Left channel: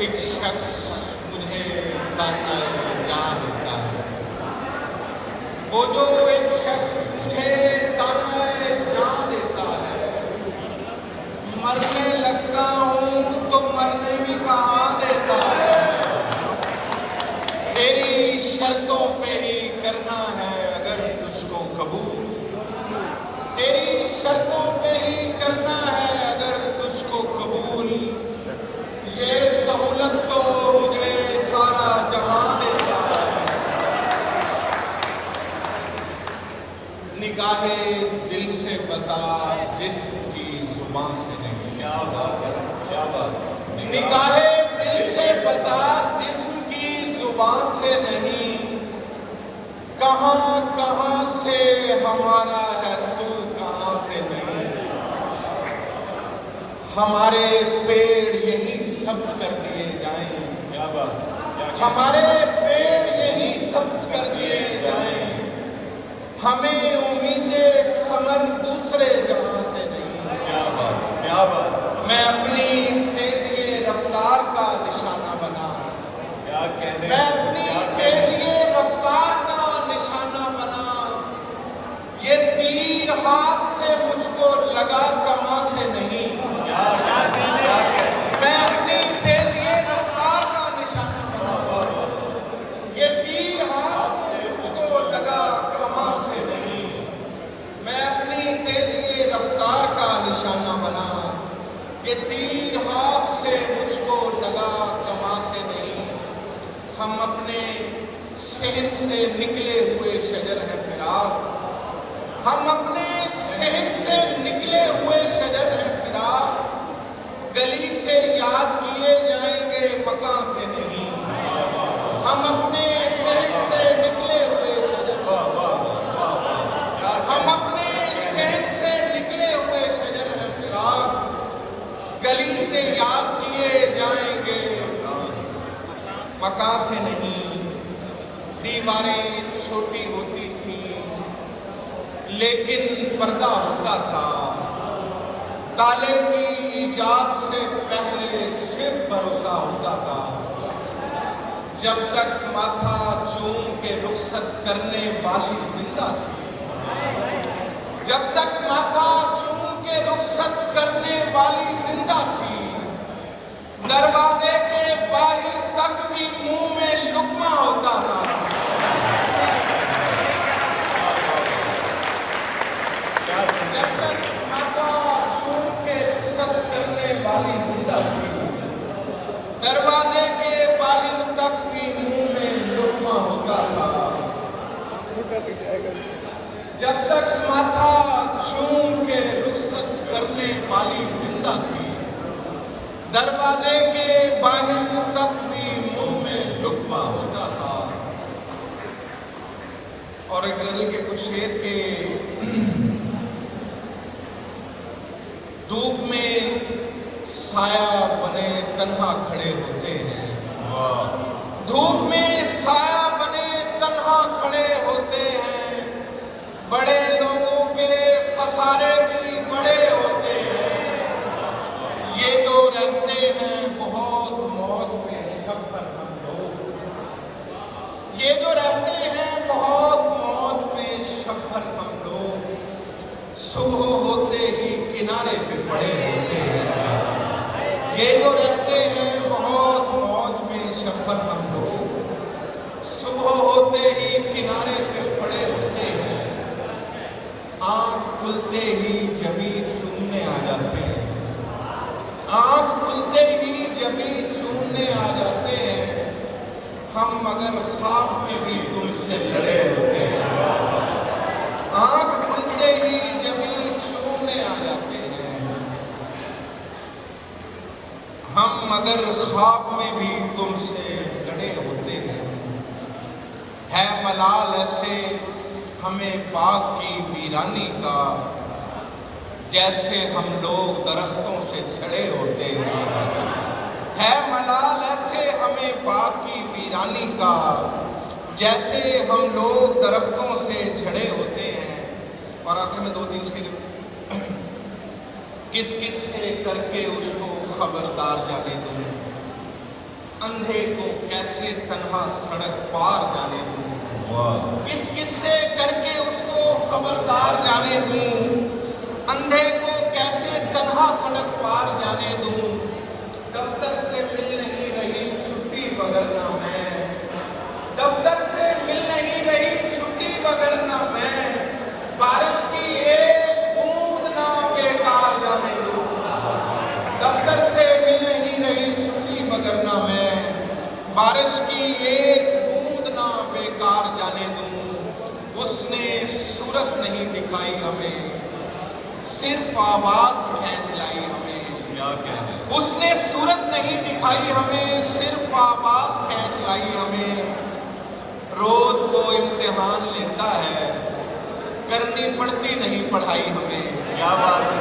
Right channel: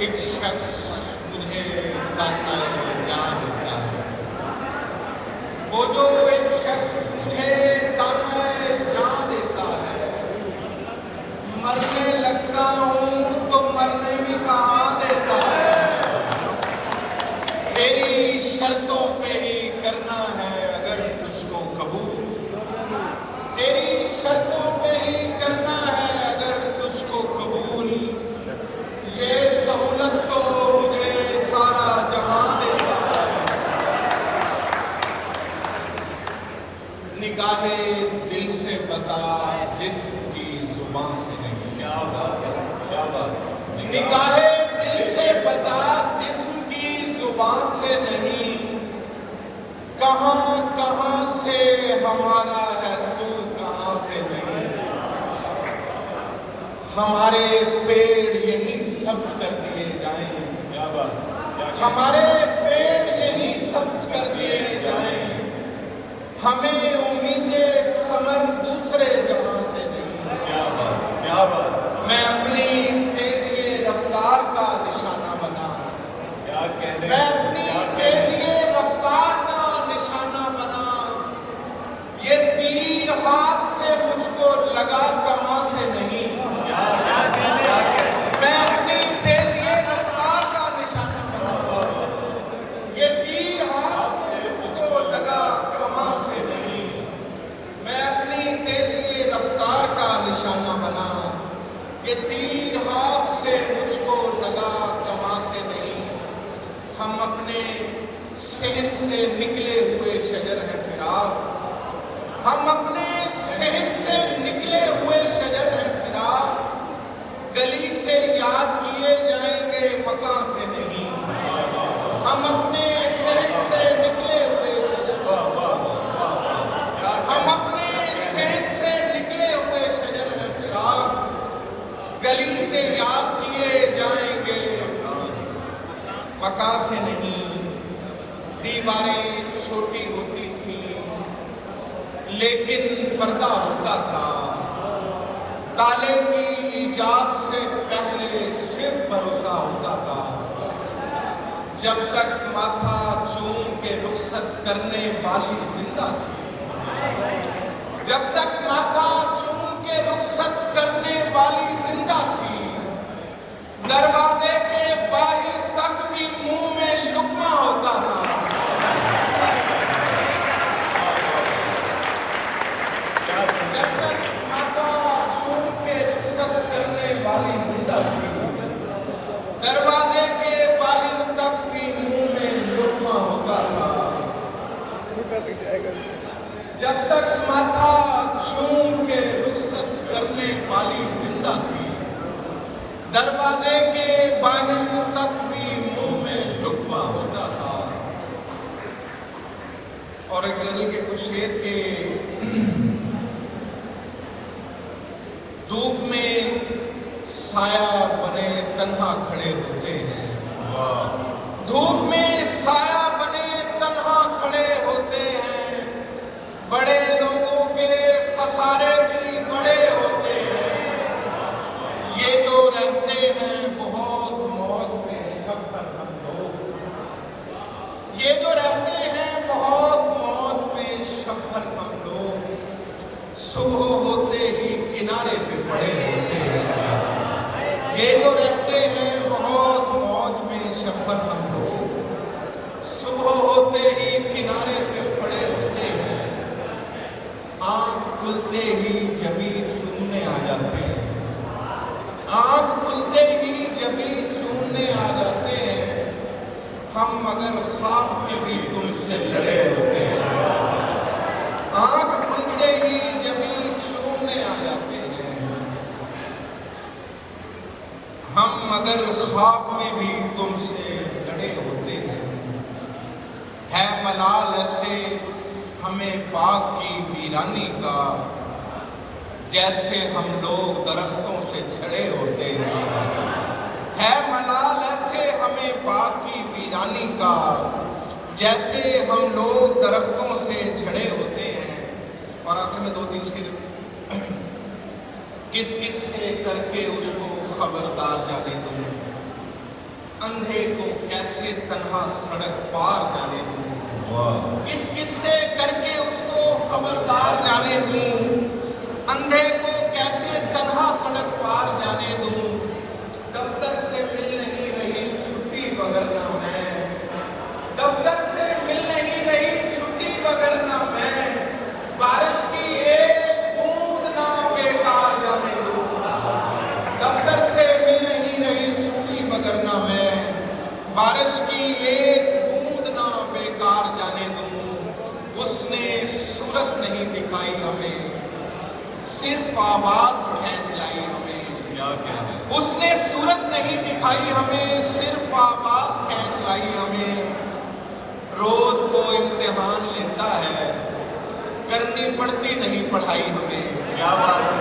ایک شخص مجھے تانے جان دیتا ہے، وہ جو ایک شخص مجھے تانے جان دیتا ہے، مرنے لگتا ہوں تو مرنے بھی کہاں دیتا ہے، تیری شرطوں پہ ہی کرنا ہے اگر تجھ کو قبول، تیری شرطوں پہ ہی کرنا ہے اگر تجھ کو قبول، یہ سہولت تو مجھے سارا جہاں دیتا ہے، نگاہ دل سے بتا جسم کی زبان سے نہیں، نگاہ دل سے بتا جسم کی زبان سے نہیں، کہاں کہاں سے ہمارا ہے تو کہاں سے نہیں، ہمارے پیڑ یہی سبز کر دیے جائیں، ہمارے پیڑ یہی سبز کر دیے جائیں، ہمیں امید ثمر دوسرے جہاں سے نہیں، میں اپنی تیزی رفتار کا نشانہ بنا، میں اپنی تیزی رفتار کا نشانہ بنا، یہ تیر ہاتھ سے مجھ کو لگا کما سے نہیں، میں اپنی تیزی رفتار کا نشانہ بنا، یہ تیر ہاتھ سے مجھ کو لگا کما سے نہیں، میں اپنی تیزی رفتار کا نشانہ بنا، یہ تیر ہاتھ سے مجھ کو لگا کما سے نہیں، ہم اپنے صحن سے نکلے ہوئے شجر ہیں فراق، ہم اپنے صحن سے نکلے ہوئے شجر ہیں فراق، گلی سے یاد کیے جائیں گے مکان سے نہیں، ہم اپنے صحن سے نکلے ہوئے شجر، ہم اپنے صحن سے نکلے ہوئے شجر ہیں فراق، گلی سے یاد کیے جائیں گے مکان سے نہیں، دیواریں چھوٹی ہوتی تھیں لیکن پردہ ہوتا تھا، تالے کی ایجاد سے پہلے صرف بھروسہ ہوتا تھا، جب تک ماتھا چوم کے رخصت کرنے والی زندہ تھی، جب تک ماتھا چوم کے رخصت کرنے والی زندہ تھی، دروازے کے باہر تک بھی منہ میں لقمہ ہوتا تھا، جب تک ماتھا چوم کے رخصت کرنے والی زندہ تھی، دروازے کے باہر تک بھی منہ میں لقمہ ہوتا تھا، جب تک ماتھا چوم کے رخصت کرنے والی زندہ تھی، دروازے کے باہر تک بھی منہ میں لقمہ ہوتا تھا، اور غزل کے کچھ شعر کے دھوپ میں سایہ بنے تنہا کھڑے ہوتے ہیں، دھوپ میں سایہ بنے تنہا کھڑے ہوتے ہیں، بڑے لوگوں کے خسارے بھی بڑے ہوتے ہیں، یہ جو رہتے ہیں بہت موج میں شب بھر ہم لوگ، یہ جو رہتے ہیں بہت موج میں شب بھر ہم لوگ، صبح ہوتے ہی کنارے پہ پڑے ہوتے ہیں، یہ جو رہتے ہیں بہت موج میں شب بھر ہم لوگ، صبح ہوتے ہی کنارے پہ پڑے ہوتے ہیں، آنکھ کھلتے ہی جبیں چومنے آ جاتے ہیں، آنکھ کھلتے ہی جبیں چومنے آ جاتے ہیں، ہم مگر خواب میں بھی تم سے لڑے ہوتے ہیں، آنکھ کھلتے ہی جبیں چومنے آ جاتے ہیں، ہم مگر خواب میں بھی تم سے لڑے ہوتے ہیں، ہے ملال ایسے ہمیں باغ کی ویرانی کا، جیسے ہم لوگ درختوں سے جھڑے ہوتے ہیں، ہے ملال ایسے ہمیں باغ کی ویرانی کا، جیسے ہم لوگ درختوں سے جھڑے ہوتے ہیں، اور آخر میں 2-3 شعر، کس کس سے کر کے اس کو خبردار جانے دوں، اندھے کو کیسے تنہا سڑک پار جانے دوں، کس کس سے کر کے اس کو خبردار جانے دوں، اندھے کو کیسے تنہا سڑک پار جانے دوں، دفتر سے مل نہیں رہی چھٹی وگرنہ میں، دفتر سے مل نہیں رہی چھٹی وگرنہ میں، بارش کی ایک بوند نہ بیکار جانے دوں، دفتر سے مل نہیں رہی چھٹی وگرنہ میں، بارش کی ایک بوند نہ بیکار جانے دوں، اس نے صورت نہیں دکھائی ہمیں، صرف آواز کھینچ لائی ہمیں، اس نے صورت نہیں دکھائی ہمیں، صرف آواز کھینچ لائی ہمیں، روز وہ امتحان لیتا ہے، کرنی پڑتی نہیں پڑھائی ہمیں،